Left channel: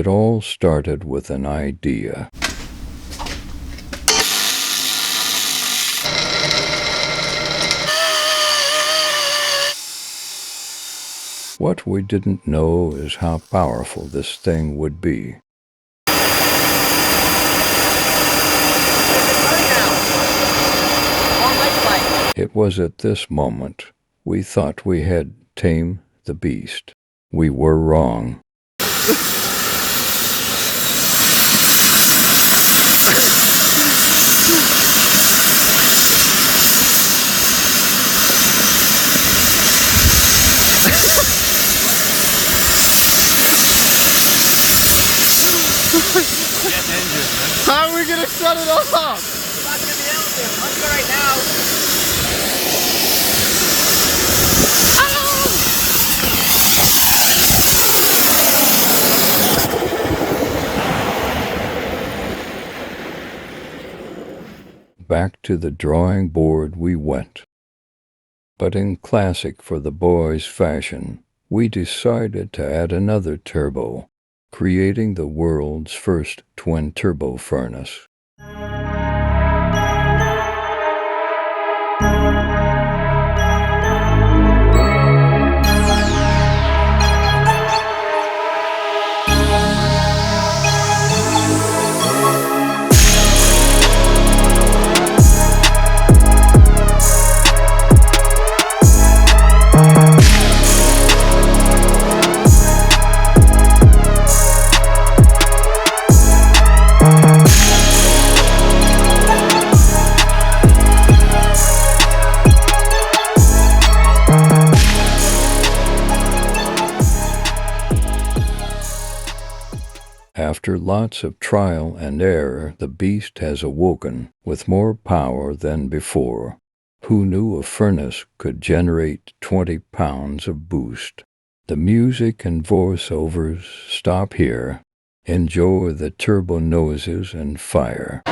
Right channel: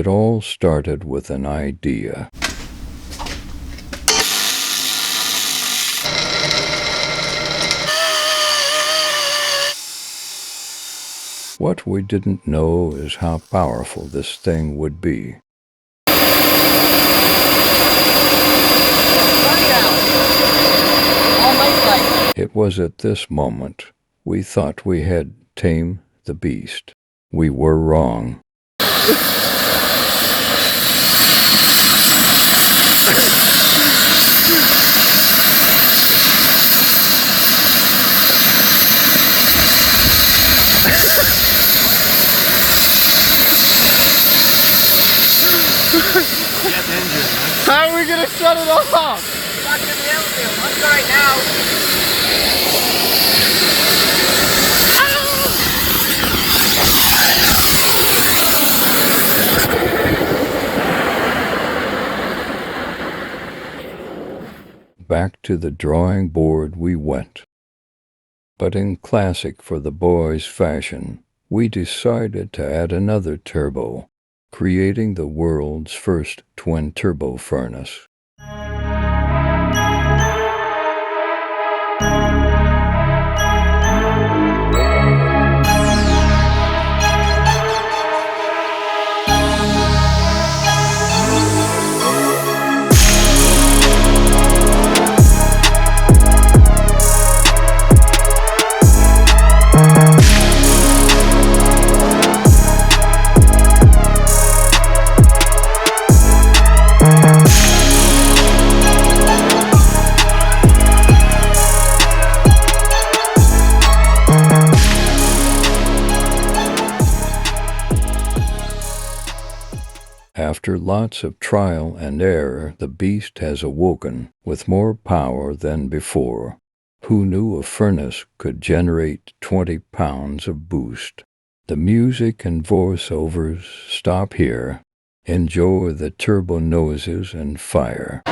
It all started with an idea. What we didn't know is how powerful this thing would be. It was at this moment we thought we had tamed the beast. We were wrong. How are we gonna shut it off? Not gonna be able to. Let's go right now. Back to the drawing board we went. But in classic for the boys fashion, we decided to add another turbo, creating the world's first twin-turbo furnace. After lots of trial and error, the beast has awoken with more power than before. Who knew a furnace could generate 20 pounds of boost? The music and voiceovers stop here. Enjoy the turbo noises and fire.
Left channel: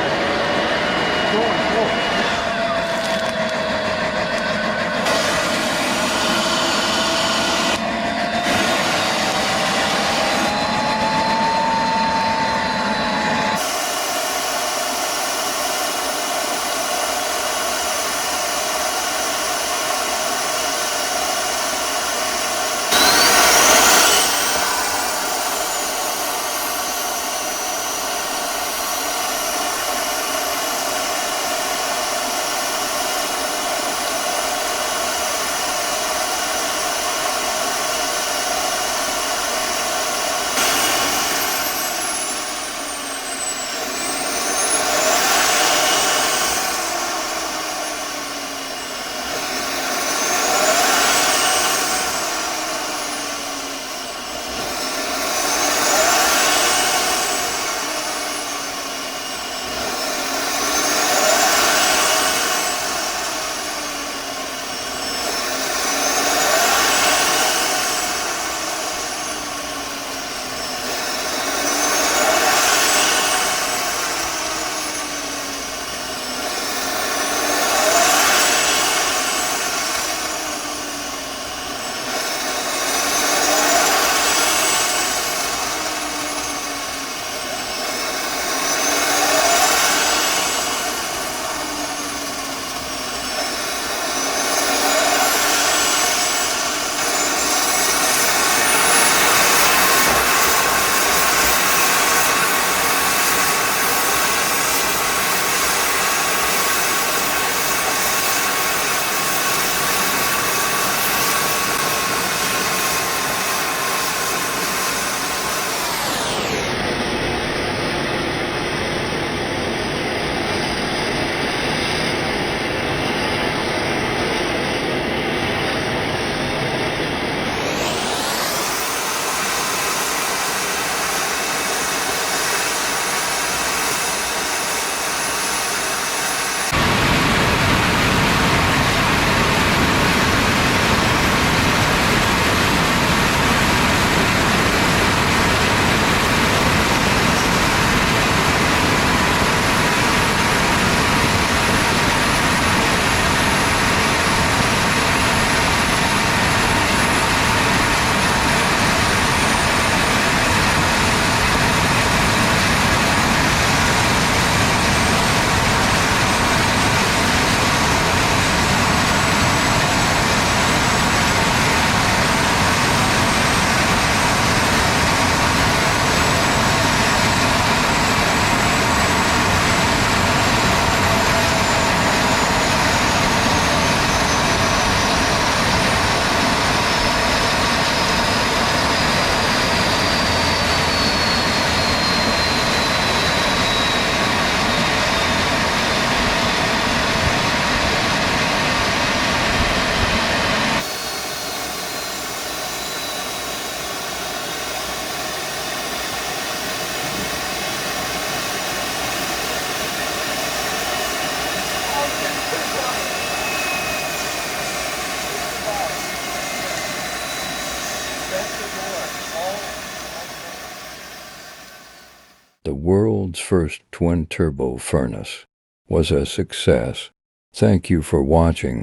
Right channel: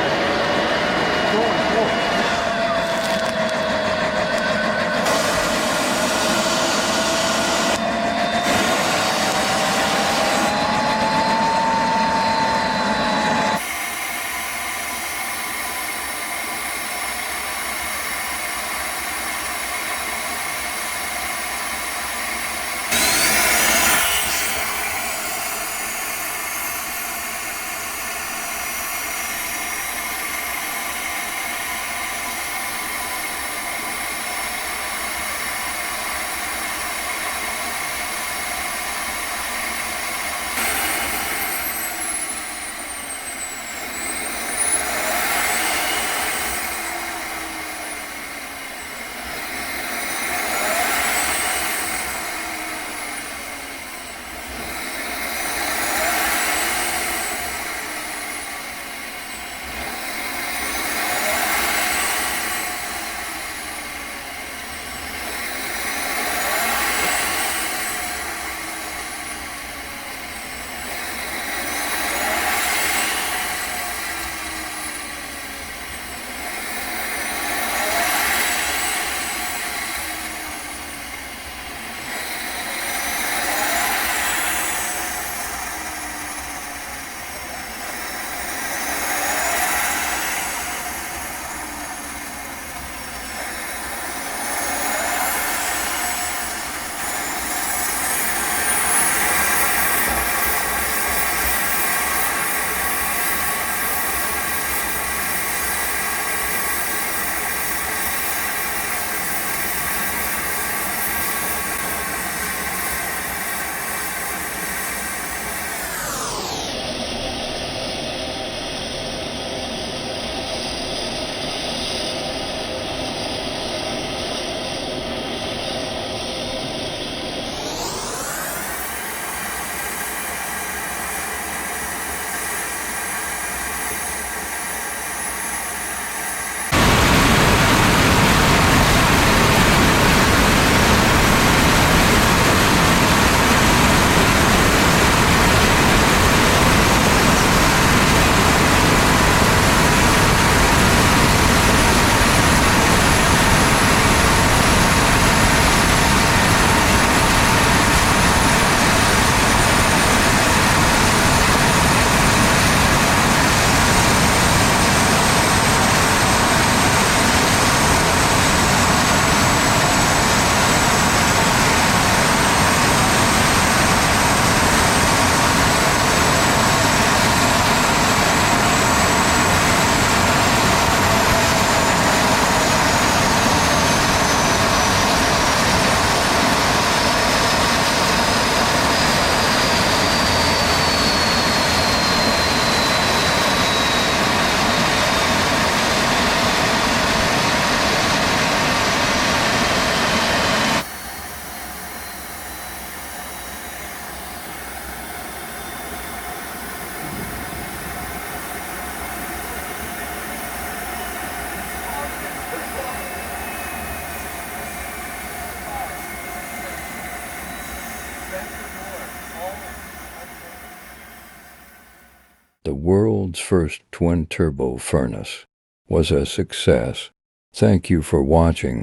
the world's first twin-turbo furnace was a success. Thank you for watching.